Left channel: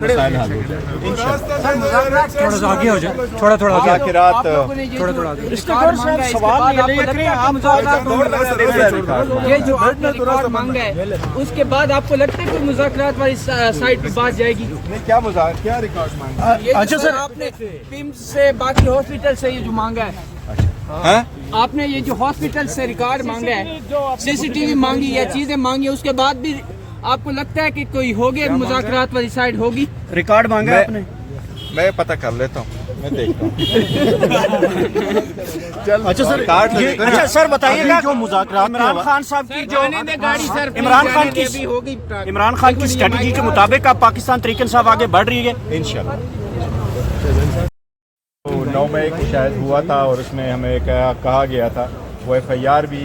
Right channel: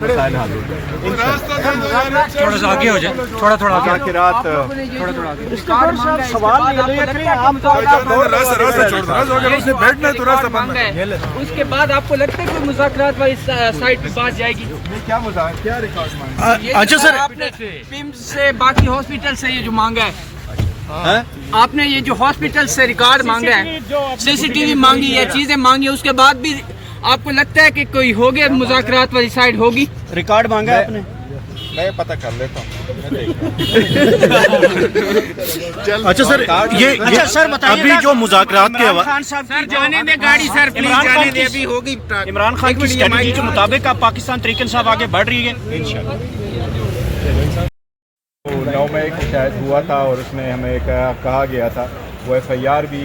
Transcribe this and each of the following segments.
مسائل حل ہو جائے تھوڑا سا آگے ہو جائے، تھوڑا تھوڑا آگے مذاکرات اس کے بعد آپ کو لگتا ہے کہ مذاکرات والی سائڈ پہ بات جائے گی؟ کیا مذاکرات کیا ریکارڈ مانگا؟ اچھا سر، آپ نے پیمز سے باقی ہاسپٹل سے یہ جو مانگا ہے، آپ نے یہ جو ہاسپٹل سے ریکارڈ مانگا ہے، سی سی ٹی وی مانگی ہے، چیزیں مانگی، اس کے بعد بھی آپ کو لگتا ہے کہ کوئی ہوگی مذاکرات والی سائڈ ہوگی؟ ریکارڈ مانگا ہے آپ نے؟ میں پتہ کر لیتا ہوں، میں دیکھتا ہوں۔ اچھا سر، یہ سر بتائیے ابھی جو مذاکرات کے سر جانے دیں گاڑی، سر پلیز جانے دیں، ابھی ہوگی۔ عمران خان کی اسٹریٹجی کے مطابق اب پاکستان طریقے انصاف آگے بڑھ رہی ہے انشاءاللہ۔ 9 مئی کو شاید ہوا تھا اور اس میں ہمیں کہا گیا تھا وہ ایف آئی آر بھی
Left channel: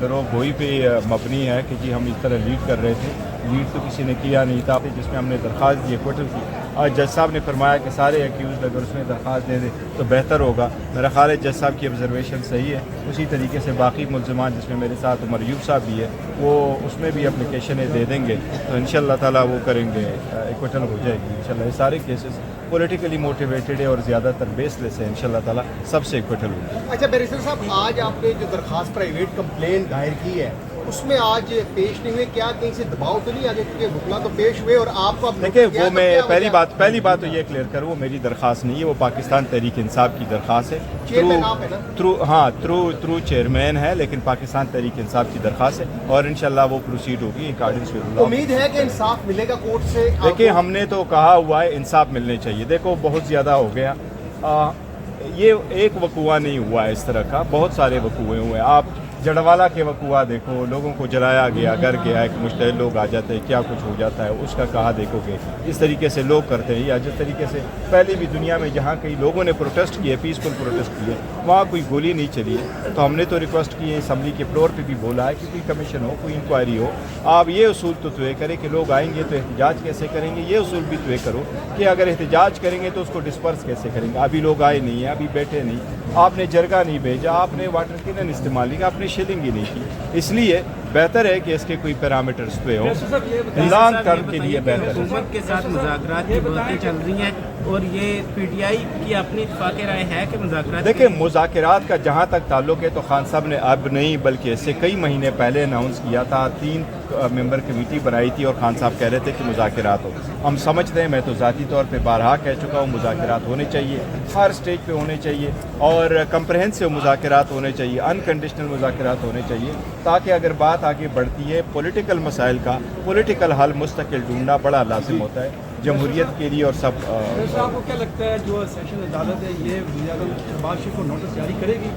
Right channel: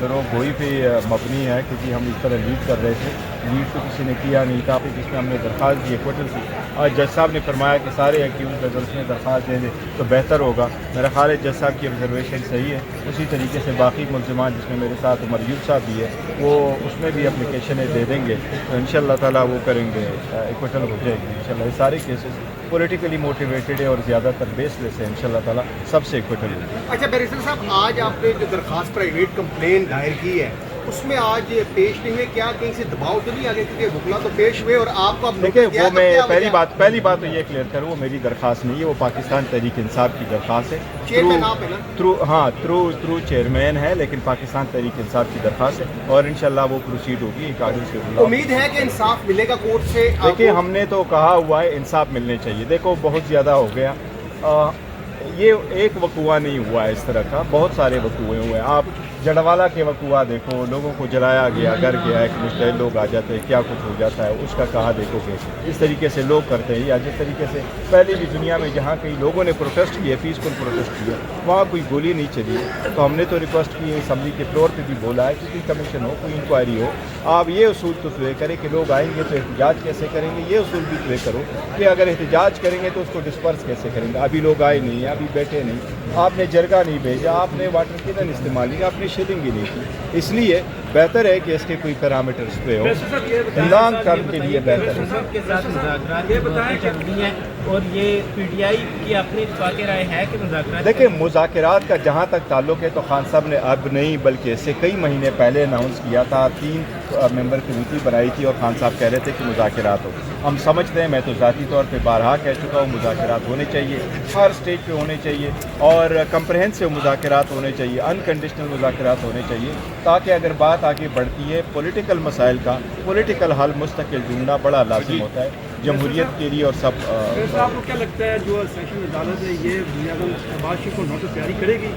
دروغ گوئی پہ مبنی ہے، کیونکہ ہم اس طرح لیڈ کر رہے تھے، لیڈ تو کسی نے کیا نہیں تھا، جس میں ہم نے درخواست دی ایکوٹل کی۔ آج جج صاحب نے فرمایا کہ سارے ایکیوزڈ اگر اس میں درخواست دے دیں تو بہتر ہوگا۔ میرا خیال ہے جج صاحب کی آبزرویشن صحیح ہے، اسی طریقے سے باقی ملزمان جس میں میرے ساتھ عمر ایوب صاحب بھی ہے، وہ اس میں بھی اپلیکیشنیں دے دیں گے تو انشاءاللہ تعالیٰ وہ کریں گے، ایکوٹل ہو جائے گی انشاءاللہ۔ یہ سارے کیسز پولیٹیکلی موٹیویٹڈ ہے اور زیادہ تر بیس لیس ہے، انشاءاللہ تعالیٰ سب سے ایکوٹل ہوگی۔ اچھا بیرسٹر صاحب، آج آپ نے جو درخواست پرائیویٹ کمپلین دائر کی ہے اس میں آج پیش نہیں ہوئے، کیا کہیں سے دباؤ تو نہیں آگے؟ کیونکہ وکلا تو پیش ہوئے اور آپ کو دیکھیں وہ میں پہلی بات تو یہ کلیئر کروں، وہ میری درخواست نہیں ہے، وہ پاکستان تحریک انصاف کی درخواست ہے، تھرو چیئرمین ہے، لیکن پاکستان تحریک انصاف کی درخواست ہے اور انشاءاللہ وہ پروسیڈ ہوگی۔ امید ہے کہ انصاف ملے گا کورٹ سے؟ دیکھیں ہم نے تو کہا ہوا ہے انصاف ملنے چاہیے، دیکھو بہت زیادہ ہو گیا، یہ ایک وقوعہ نہیں ہوا ہے اس طرح کا، بہت سارے وقوعے ہوئے ہیں۔ آپ جڑوالا کے وقوعہ دیکھو، لوگوں کو جلایا گیا، گر گیا، ایک مشتعل لوگ آ جاتے ہیں، کیا کچھ ہو جاتا ہے، اس کا کہا دیکھو گے اس طریقے سے لوگ کرتے ہیں، یا جس طریقے سے پہلے بھی دنیا میں جہاں کئی لوگوں نے پروٹیسٹ کیے، پیسفل پروٹیسٹ کیے، وہاں کوئی گولی نہیں چلی ہے، تو ہم نے تو ریکویسٹ کی ہے، اسمبلی کے فلور پہ بھی بولا ہے کہ کوئی کمیشن ہو، کوئی انکوائری ہو۔ آپ یہ اصول تو طے کریں کہ لوگ آئیں گے تو احتجاج کیسے کریں گے، یہ اصول بھی طے کرو کہ اگر احتجاج کریں گے تو اس کو ڈسپرس کیسے کریں گے۔ ابھی لوگ آئے نہیں ہیں، ابھی بیٹھے نہیں، آپ نے جرگہ نہیں بھیجا، آپ نے واٹر کینن استعمال نہیں، آپ نے شیلنگ ہی نہیں کی، اس لیے بہتر ہے کہ اس کے کوئی پیرامیٹرز پہ ہو، لانگ ٹرم کے لیے بہتر ہے۔ حکومت کے ساتھ مذاکرات کی باتیں چل رہی ہیں اور یہ پی ٹی آئی کی اپنی اتفاق رائے ہے کہ مذاکرات؟ دیکھیں مذاکرات کا جہاں تک تعلق ہے تو خان صاحب نے اب نہیں بلکہ اس سے کئی مہینے پہلے اناؤنس کیا تھا، 3 ممبر کمیٹی بنائی تھی اور خان صاحب کہہ رہے تھے کہ مذاکرات ہو۔ ہم سمجھتے ہیں، میں تو ذاتی طور پہ بارہا کہہ چکا ہوں، مذاکرات ہونے چاہیے، ہر سٹیج پہ ہونے چاہیے اور کمپریہنسو مذاکرات ہونے چاہیے، انکنڈیشنل مذاکرات ہونے چاہیے، تاکہ اگر بات آگے بڑھتی ہے پولیٹیکل مسائل کا پولیٹیکل حل مستقل ڈھونڈنا بڑا لازم ہوتا ہے جمہوریت کے لیے اور سب۔ آپ کو کیا لگتا ہے جو سیشن عدالت ہے یہ شہباز شریف کو نوٹس جاری کرے گی؟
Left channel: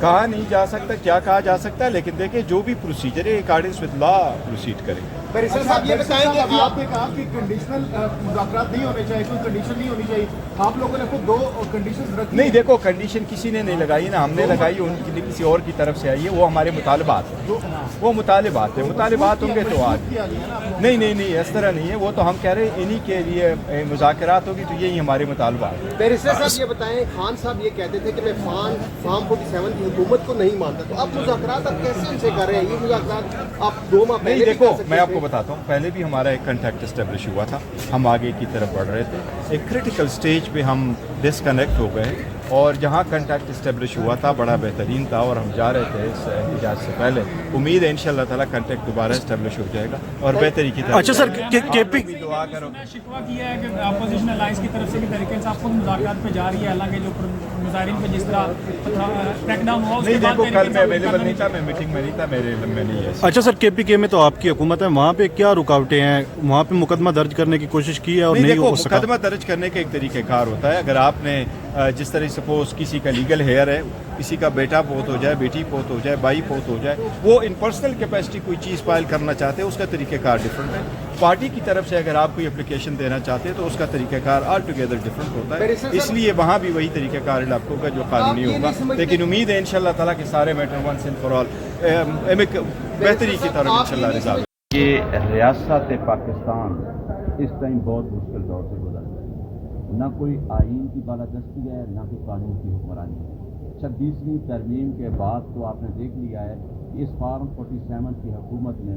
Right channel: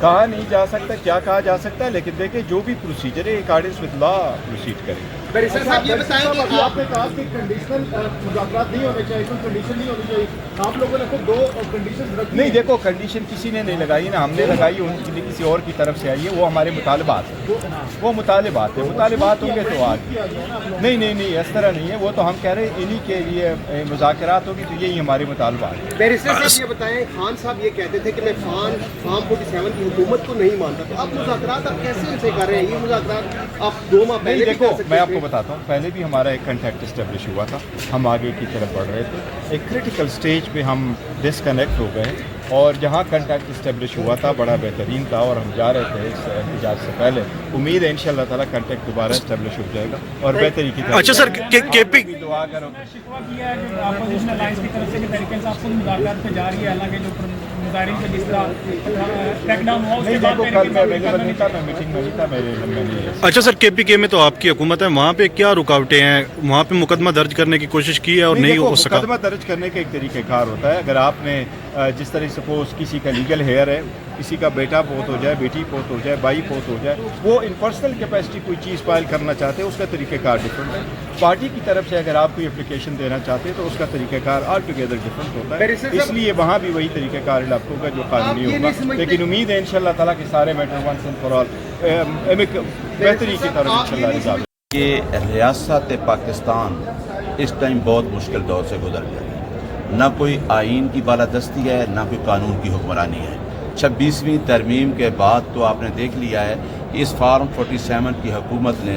کہا نہیں جا سکتا، کیا کہا جا سکتا ہے، لیکن دیکھیں جو بھی پروسیجر ہے اکارڈنگ ود لا پروسیڈ کریں۔ بیرسٹر صاحب یہ بتائیں کہ آپ نے کہا کہ کنڈیشنل مذاکرات نہیں ہونے چاہیے، کوئی کنڈیشن نہیں ہونی چاہیے، آپ لوگوں نے خود 2 کنڈیشن رکھی؟ نہیں دیکھو کنڈیشن کسی نے نہیں لگائی نا، ہم نے لگائی، ان کے لیے کسی اور کی طرف سے آئی ہے، وہ ہمارے مطالبات ہیں، وہ مطالبات ہیں، مطالبات ہوں گے تو آج نہیں اس طرح نہیں ہے، وہ تو ہم کہہ رہے ہیں انہی کے لیے مذاکرات ہوگی تو یہی ہمارے مطالبات ہیں۔ بیرسٹر صاحب یہ بتائیں، خان صاحب یہ کہتے تھے کہ میں فارم 47 کی حکومت کو نہیں مانتا، تو اب مذاکرات آپ کیسے سے کر رہے ہیں؟ یہ مذاکرات آپ 2 ماہ پہلے دیکھو میں آپ کو بتاتا ہوں، پہلے بھی ہمارا ایک کنٹیکٹ اسٹیبلش ہوا تھا، ہم آگے کی طرف بڑھ رہے تھے، ایک کریٹیکل سٹیج پہ ہم ڈسکنیکٹ ہو گئے اور جہاں کنٹیکٹ اسٹیبلش ہوا تھا بڑا بہترین تھا اور ہم جا رہے تھے اس احتجاج سے پہلے، امید ہے انشاءاللہ تعالیٰ کنٹیکٹ دوبارہ اسٹیبلش ہو جائے گا اور بہتری کی طرف۔ اچھا سر، کے پی دعا کرو۔ شکوہ کیا ہے کہ اپوزیشن الائنس کی طرف سے کہ تحریک انصاف خود مذاکرات پہ جا رہی ہے، حالانکہ جو مظاہرین پہ جس طرح کریک ڈاؤن ہوا اس کے بعد کل میں اویلیبل نہیں تھا، میں میٹنگ میں نہیں تھا، میرے علم میں نہیں ہے۔ اچھا سر، کے پی کے میں تو آپ کی حکومت ہے، وہاں پہ کیا رکاوٹیں ہیں؟ وہاں پہ مقدمہ درج کرنے کی کوشش کی ہے اور نہیں ہو سکا؟ مقدمہ درج کرنے کا ایک طریقہ کار ہوتا ہے، اگر آپ نے جس طرح سپوز کسی کا لیگل ہیئر ہے، کسی کا بیٹا فوت ہو جائے، بیٹی فوت ہو جائے، بھائی فوت ہو جائے، وہ ان پرسنل کیپیسٹی کوئی چیز فائل کرنا چاہتے ہیں، اس کا طریقہ کار ڈفرنٹ ہے۔ پارٹی کی طرف سے اگر آپ کوئی اپلیکیشن دینا چاہتے ہیں تو اس کا طریقہ کار آل ٹوگیدر ڈفرنٹ ہوتا ہے، اس لیے وہاں بھی وہی طریقہ کار اڈاپٹ ہوگا جو قانونی ہوگا، لیکن امید ہے انشاءاللہ تعالیٰ کہ سارے matter once and for all بہتری کی طرف انشاءاللہ رضا۔ کہ ریاست پاکستان اس ٹائم بہت مشکل دور سے گزر گیا ہے، نہ کوئی آئین کی بالادستی ہے، نہ کوئی قانون کی حکمرانی ہے۔ 26ویں ترمیم کے بعد تو آپ نے دیکھ لیا ہے کہ اس فارم 47 کی حکومت نے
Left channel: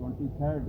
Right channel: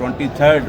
23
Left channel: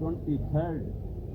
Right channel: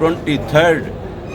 23